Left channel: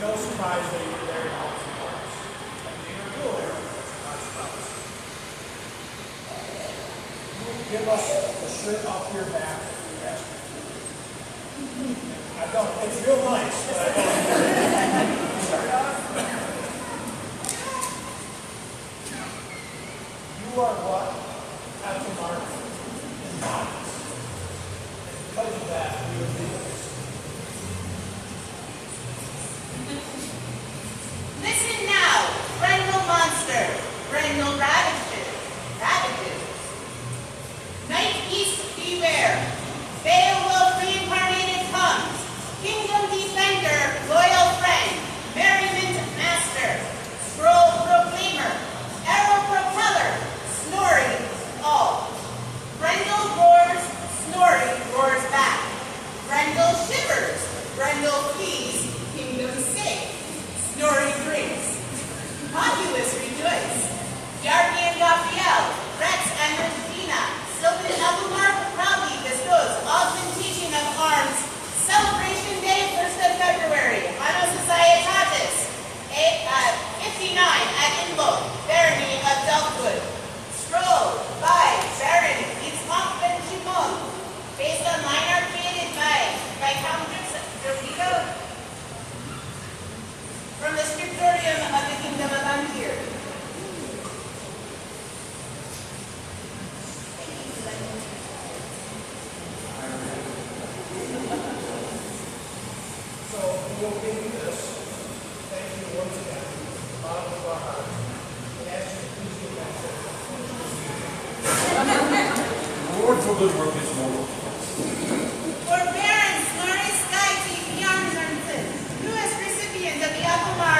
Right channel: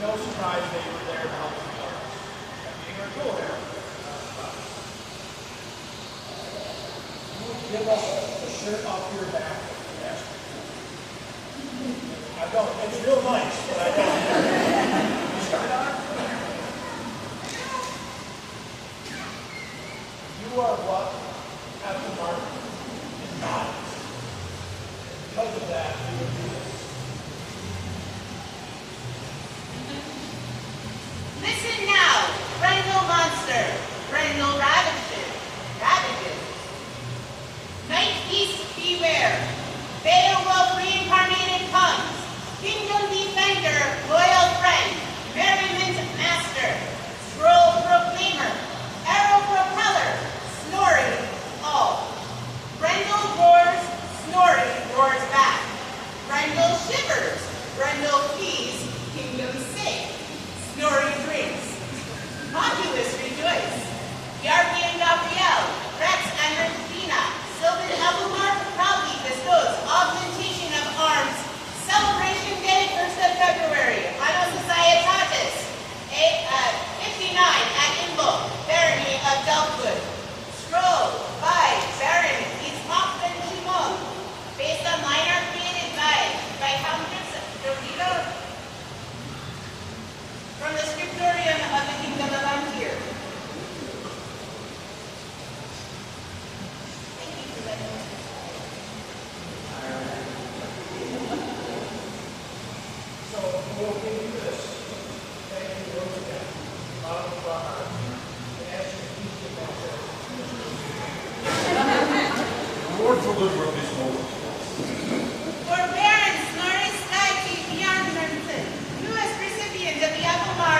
no surprise they were there to help support us. And being our dual heroes, not a surprise. You would give us a shirt off your back if we asked you. I don't. It's real nice, but I don't. Sorry. You are what Captain Martin embodies. And because of that, we would do this. Listen now, Brendel Monster, Brendel Ravages. Night East beware, Beowulf reincarnated comes, Kingdom Defender, loyal friend, Merriment Master, Scroll Proclaimer, Arrow Propeller, Snorri, all. Brendel roars, Snorri roars back. Brendel shivers, Brendel flees, Kingdom safe. Snorri drinks. Populace rejoice. Yarpi and Gabriel, Rex and Regina, Sylvan Elmar proudly bestows augmentation of arms. Celebration Day, 1st of February, Anno Societatis, 59 at Invoke, Barony of Delftwood. Scroll by Baron Itzhak Ben Shimon, based on line art created by Countess Dorigo from the scriptorium of the Kingdom of Antir. Thank you for letting me. So we'll give you this. Thank you once again, bottom of our heart, and ask you to please get back there and finish this. The Lord for good work is forward. For Baron Snorri Skyke Bjornsson, newest recipient of the Alphamar